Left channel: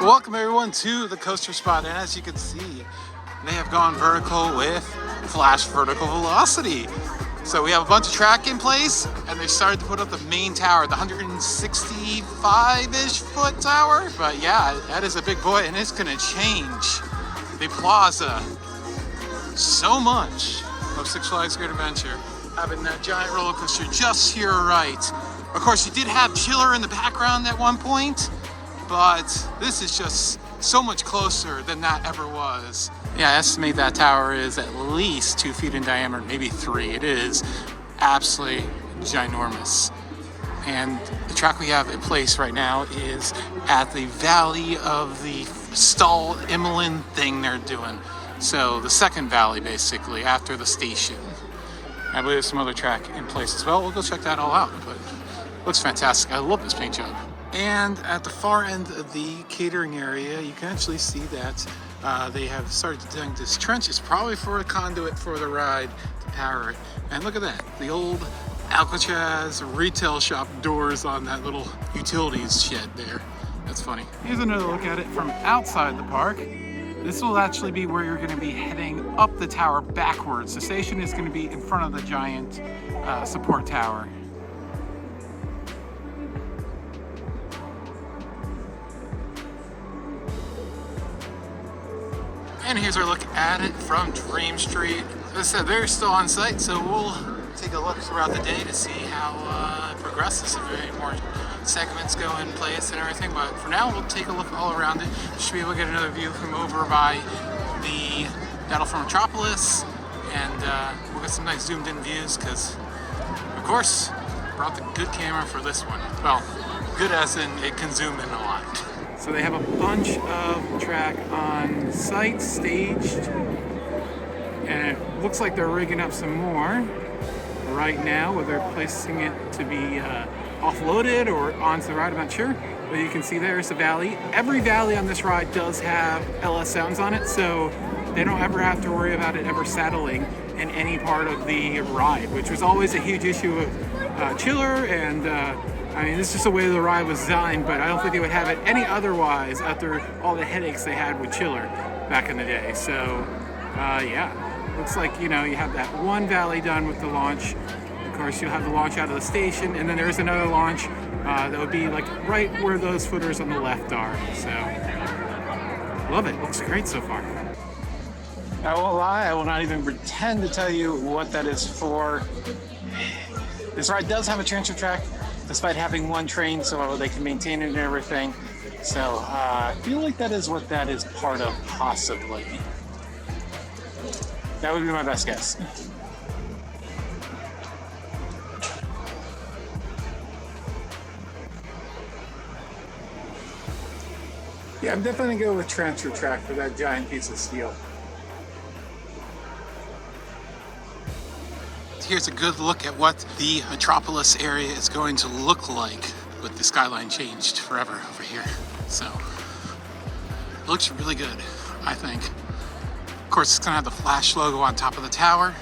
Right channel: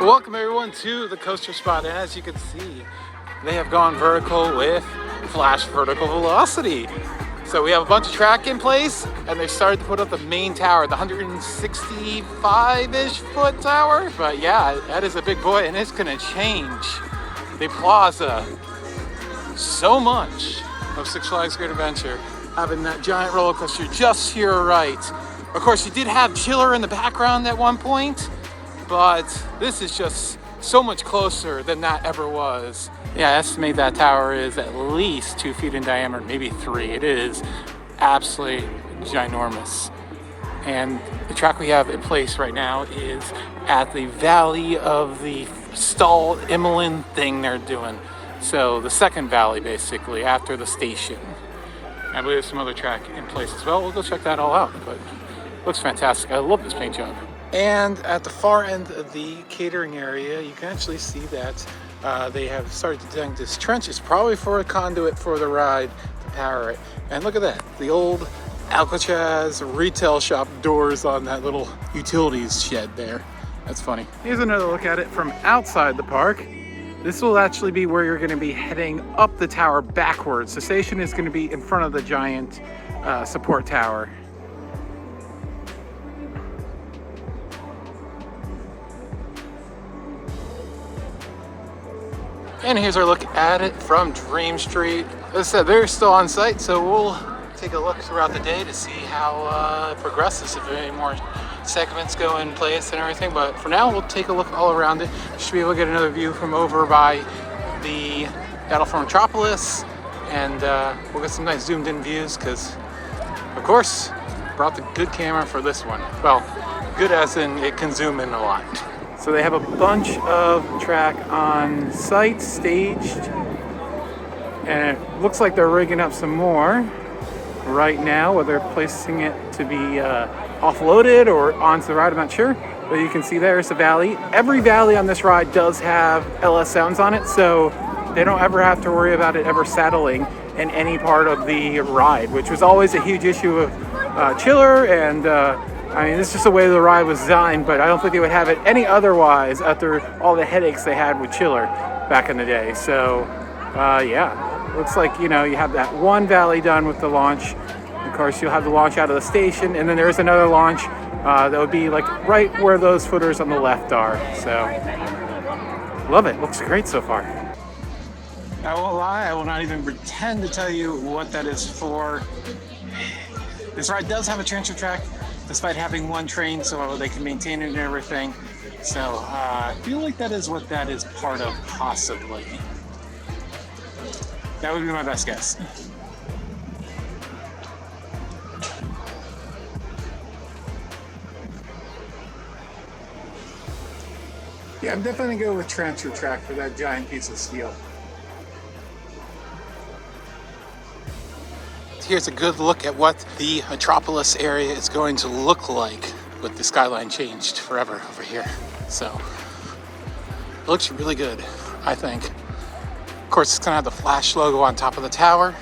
Welcome everyone to the coaster spot, and as you can see, they have gone vertical with Flash Vertical Velocity. So we have a bunch of track in place, and they started to put up the main tower, the 165-ish foot tower. But yeah, that is a big boy, and it's gonna change the plaza so much of Six Flags Great Adventure, having that giant roller coaster just to your right. Of course, you did have Chiller in the background at one point, but this is just so much closer than that ever was. Yeah, I estimate that tower is at least 2 feet in diameter, maybe 3. It is absolutely ginormous. And the track we have in place right now is at the valley of the Stall Immelin thing they're doing. So the second valley, basically, after the station. I believe there's some other track in place as well. We'll go check that all out, but it looks fantastic. I love this paint job. And at the far end of the catering area, you can actually see that they have started to dig this trench. It's probably for a conduit for the ride to power it. And look at that, the old Alcatraz retail shop doors on that little utilities shed there. That's funny. Here's another look at it from outside the park. This will actually be where you're going to be heading up the tower backwards. The station is going to be in front of the giant support tower. And here's our look at it from Dream Street. As I said, they're still on site, so we'll take a look throughout the day to see how it progresses, if any more segments go in place and everything. But for now, we'll take a look all around it. You should be able to get another view from over by the Battle for Metropolis, and we'll get some nice zoomed in views because, of course, brought the good camera for this one. Well, good as in it can zoom in a lot. So they have a bunch of track on site, staged, and it looks like they're rigging up some more right now, whether they're placing it to be offloaded or onto the ride, I'm not sure. But you can see there's the valley. Every valley on this ride does have LS sounds on it, so they don't ever have to worry about it ever settling in any part of the ride, which was always a huge issue of Chiller, and I mean, this is just the way the ride was designed, but I don't think they would have it any otherwise after all the headaches they had with Chiller back in the day. So, yeah, looks like, you know, you have that one valley done with the launch. Of course, you'll have the launch out of the station, and then there's another launch that would be like right where those footers on the left are. So, love it. Looks great so far. I won't lie, I will not even pretend to tell you what that is for. This ride does have a transfer track, despite having one train, so they can maintain it and everything. So I feel like that is what that is part of, possibly. That would be my best guess. Yeah, I'm definitely gonna go with transfer track for that giant piece of steel. Here's a good look at what the Metropolis area is going to look like with the skyline changed forever over here. So, it looks really good, I think. Of course, it's gonna have the Flash logo on top of the tower.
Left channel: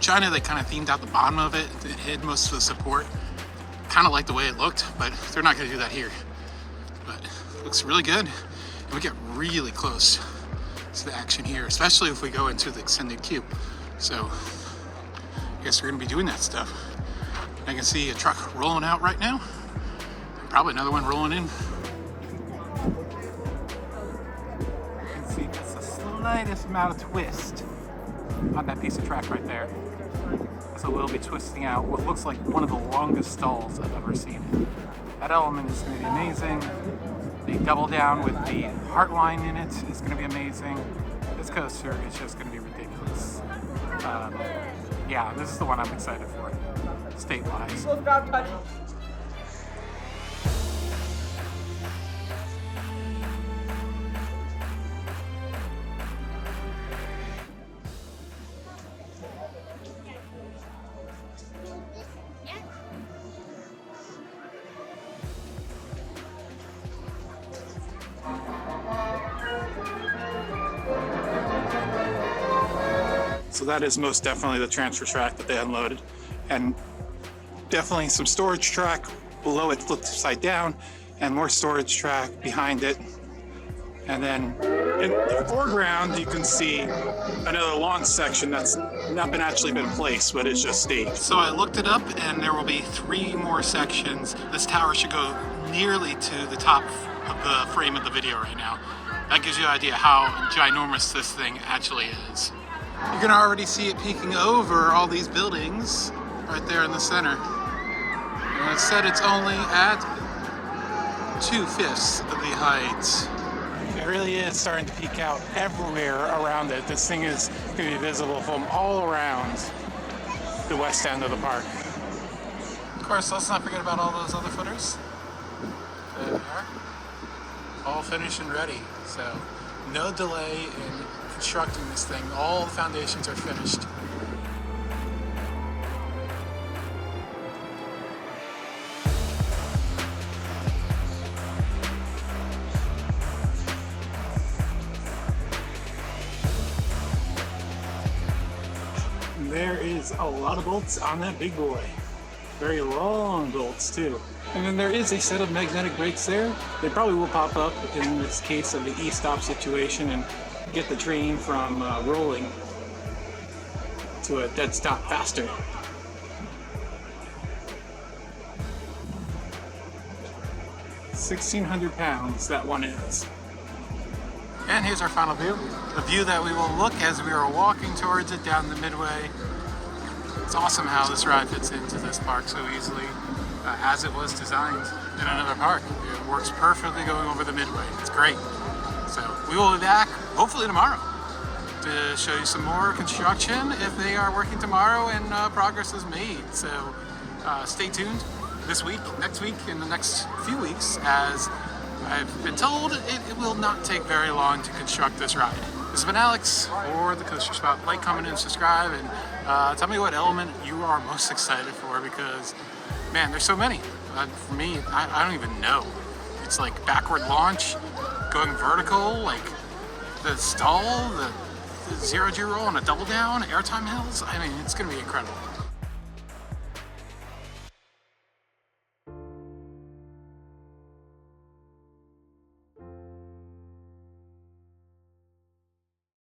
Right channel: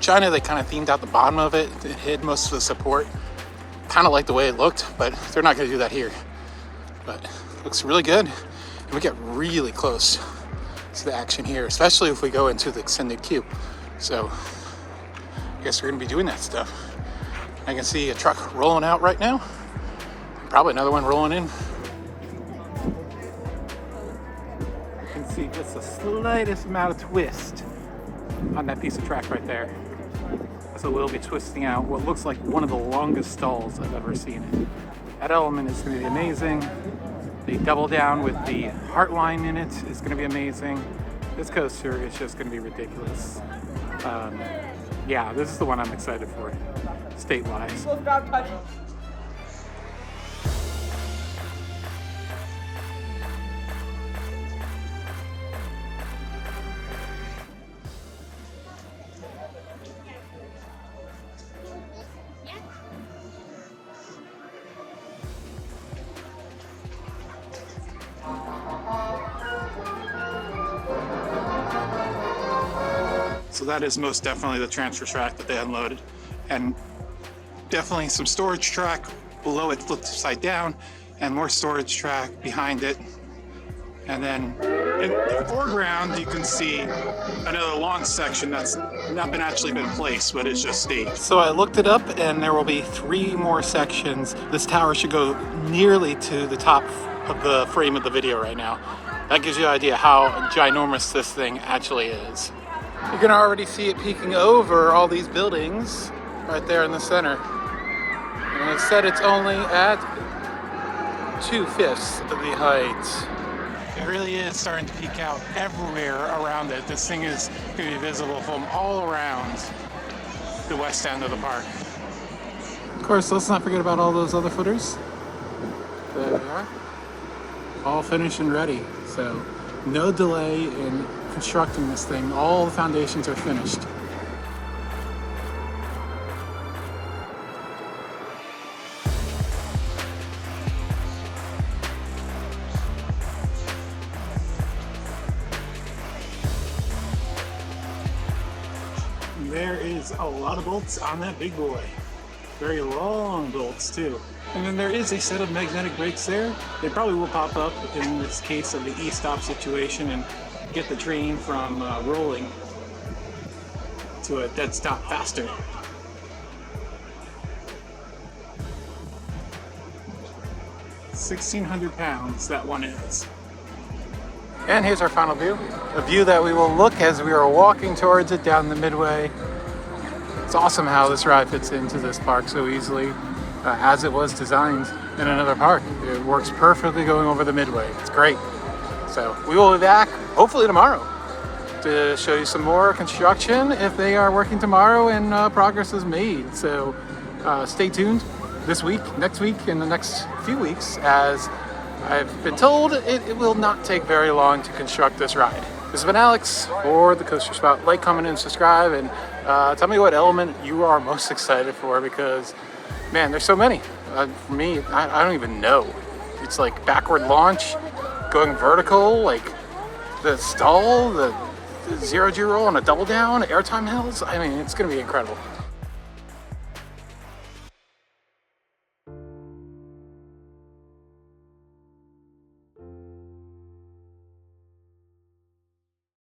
China, they kind of themed out the bottom of it. It hid most of the support. Kind of like the way it looked, but they're not gonna do that here. But it looks really good. And we get really close to the action here, especially if we go into the extended queue. So, I guess we're gonna be doing that stuff. I can see a truck rolling out right now. Probably another one rolling in. You can see just the slightest amount of twist on that piece of track right there. So we'll be twisting out what looks like one of the longest stalls I've ever seen. That element is gonna be amazing. They double down with the Heartline in it. It's gonna be amazing. This coaster is just gonna be ridiculous. Yeah, this is the one I'm excited for, state-wise. So that is most definitely the transfer track that they unloaded, and definitely some storage track below it flipped upside down, and more storage track behind it. And then in the foreground, you can see another launch section that's not actually been placed, but it's just staged. So I looked it up, and there will be 3 more sections. This tower should go nearly to the top of the frame of the video right now. That gives you an idea how ginormous this thing actually is. You can already see it peeking over all these buildings right there in the center. And it said it's only at 2/5 of the height. It really is starting to peek out everywhere around it. This thing is going to be visible from all around the west end of the park. Of course, let's not forget about all those other footers. There they are. All finished and ready. So no delay in constructing this thing. All the foundations are finished. There is a lot of bolts on that big boy. Very long bolts too. And then there is a set of magnetic brakes there. They probably will pop up in this case of the e-stop situation and get the train from rolling to a dead stop faster. 1,600 pounds that one is. And here's our final view. A view that we will look as we are walking towards it down the midway. It's awesome how this ride fits into this park so easily, as it was designed in another park. It works perfectly going over the midway. It's great. So we will be back hopefully tomorrow to show you some more construction if they are working tomorrow and progress is made. So stay tuned this week, next week, and the next few weeks, as I've been told it will not take very long to construct this ride. This has been Alex for the Coaster Spot. Like, comment, and subscribe, and tell me what element you are most excited for, because, man, there's so many. For me, I don't even know. It's like backward launch, going vertical, like the stall, the zero-G roll, and a double down, airtime hills. I mean, it's going to be incredible.